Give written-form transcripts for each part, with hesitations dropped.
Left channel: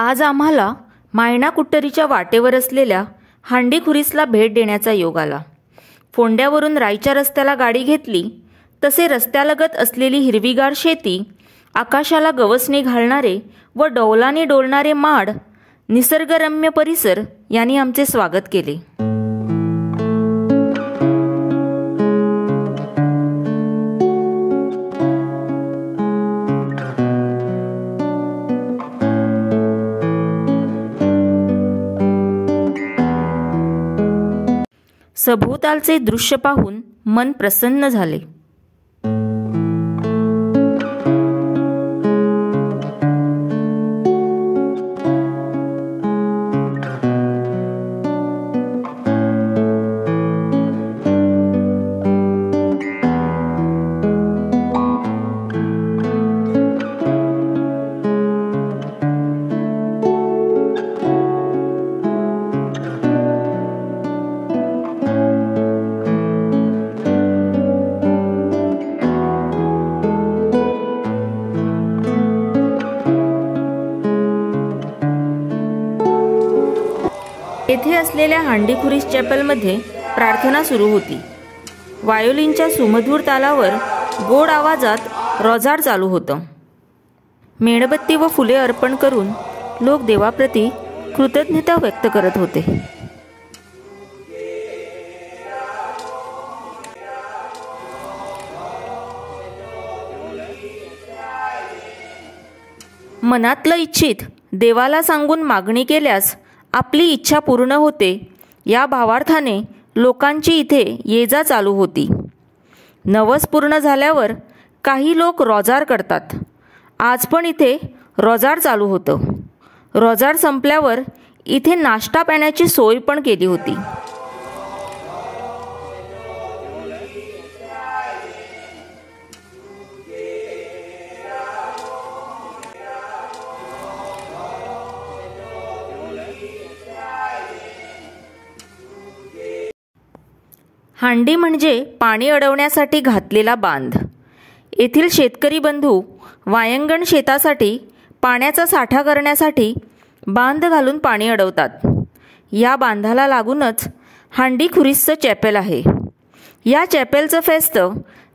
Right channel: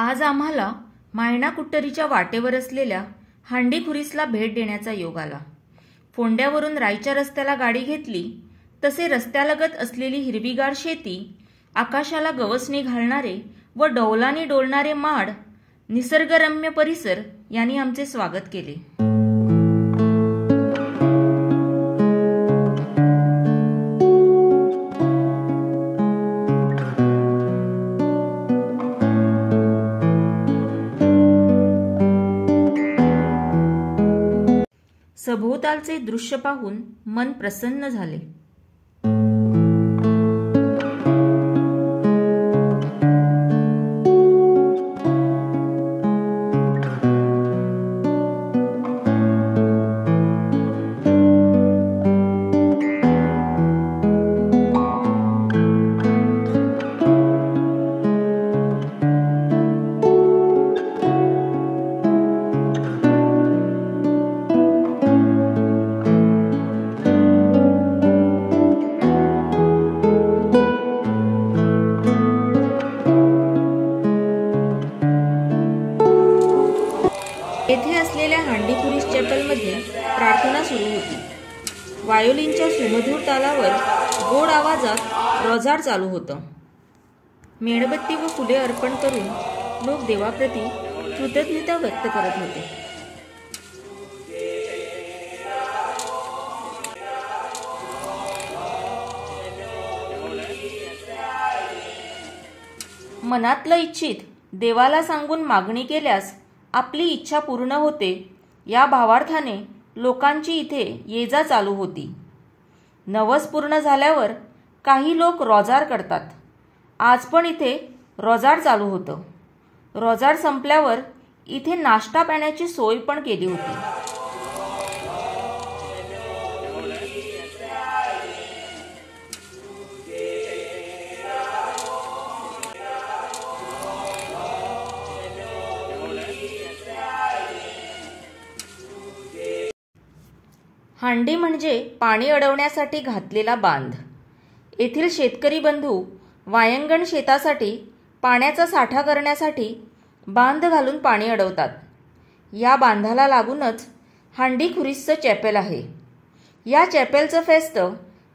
आज आम्हाला मायणा कुट्टरीच्या वाटेवर असलेल्या हांडीखुरीसला भेट देण्याचा योग आला। फोंड्यावरून रायच्या रस्त्याला गाडी घेतली तसे रस्त्यालगत असलेली हिरवीगार शेती, आकाशाला गवसणी घालणारे व डौलाने डोलणारे माड, निसर्गरम्य परिसर यांनी आमचे स्वागत केले। सभोवतालचे दृश्य पाहून मन प्रसन्न झाले। येथे असलेल्या हांडीखुरीस चॅपलमध्ये प्रार्थना सुरू होती। वायोलिनच्या सुमधुर तालावर गोड आवाजात रोजाड चालू होतं। मेणबत्ती व फुले अर्पण करून लोक देवाप्रती कृतज्ञता व्यक्त करत होते। मनातलं इच्छित देवाला सांगून मागणी केल्यास आपली इच्छा पूर्ण होते, या भावार्थाने लोकांची इथे ये जा चालू होती। नवस पूर्ण झाल्यावर काही लोक रोजार करतात। आज पण इथे रोजाड चालू होतं। रोजाड संपल्यावर इथे नाश्ता पाण्याची सोय पण केली होती। हांडी म्हणजे पाणी अडवण्यासाठी घातलेला बांध। येथील शेतकरी बंधू वायंगण शेतासाठी पाण्याचा साठा करण्यासाठी बांध घालून पाणी अडवतात। या बांधाला लागूनच हांडीखुरीसचं चॅपेल आहे। या चॅपेलचं फेस्त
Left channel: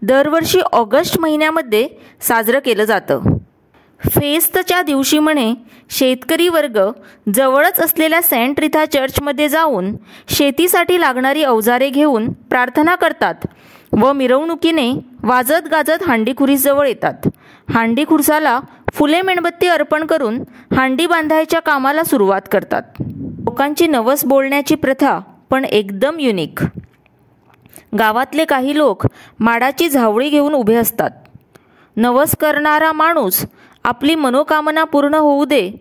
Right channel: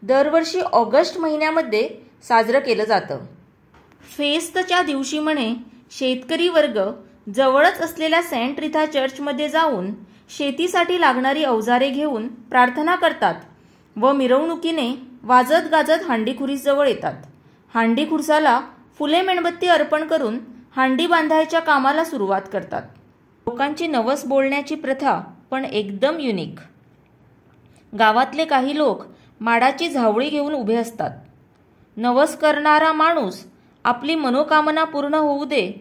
दरवर्षी ऑगस्ट महिन्यामध्ये साजरं केलं जातं। फेस्तच्या दिवशी म्हणे शेतकरी वर्ग जवळच असलेल्या सेंट रिथा चर्चमध्ये जाऊन शेतीसाठी लागणारी अवजारे घेऊन प्रार्थना करतात व मिरवणुकीने वाजत गाजत हांडीखुरीसजवळ येतात। हांडीखुरसाला फुले मेणबत्ती अर्पण करून हांडी बांधायच्या कामाला सुरुवात करतात। लोकांची नवस बोलण्याची प्रथा पण एकदम युनिक। गावातले काही लोक माडाची झावळी घेऊन उभे असतात। नवस करणारा माणूस आपली मनोकामना पूर्ण होऊ दे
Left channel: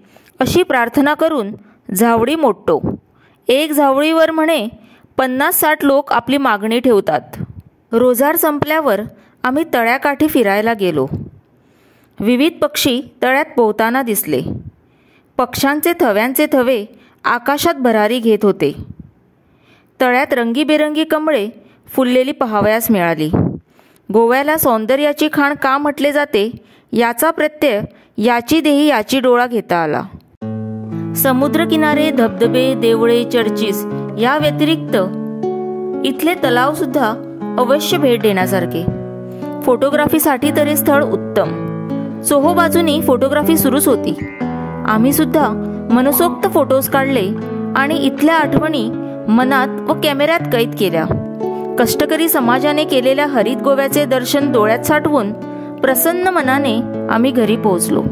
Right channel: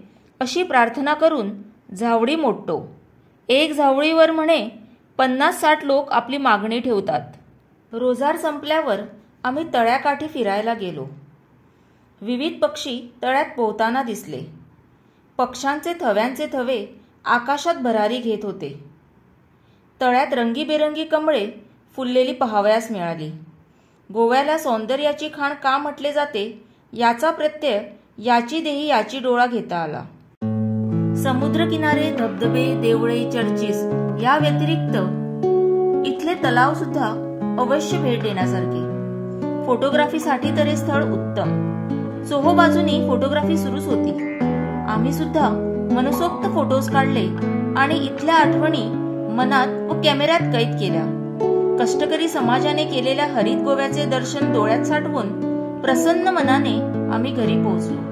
अशी प्रार्थना करून झावळी मोडतो। एक झावळीवर म्हणे 50-60 लोक आपली मागणी ठेवतात। रोजार संपल्यावर आम्ही तळ्याकाठी फिरायला गेलो। विविध पक्षी तळ्यात पोहताना दिसले। पक्ष्यांचे थव्यांचे थवे आकाशात भरारी घेत होते। तळ्यात रंगीबेरंगी कमळे फुललेली पाहावयास मिळाली। गोव्याला सौंदर्याची खाण का म्हटले जाते याचा प्रत्यय याची देही याची डोळा घेता आला। समुद्रकिनारे, धबधबे, देवळे, चर्चिस या व्यतिरिक्त इथले तलाव सुद्धा अवश्य भेट देण्यासारखे। फोटोग्राफीसाठी तरी स्थळ उत्तम। चोहोबाजूनी फोटोग्राफी सुरूच होती। आम्ही सुद्धा मनसोक्त फोटोज काढले आणि इथल्या आठवणी मनात व कॅमेऱ्यात कैद केल्या। कष्टकरी समाजाने केलेल्या हरित गोव्याचे दर्शन डोळ्यात साठवून प्रसन्न मनाने आम्ही घरी पोहोचलो।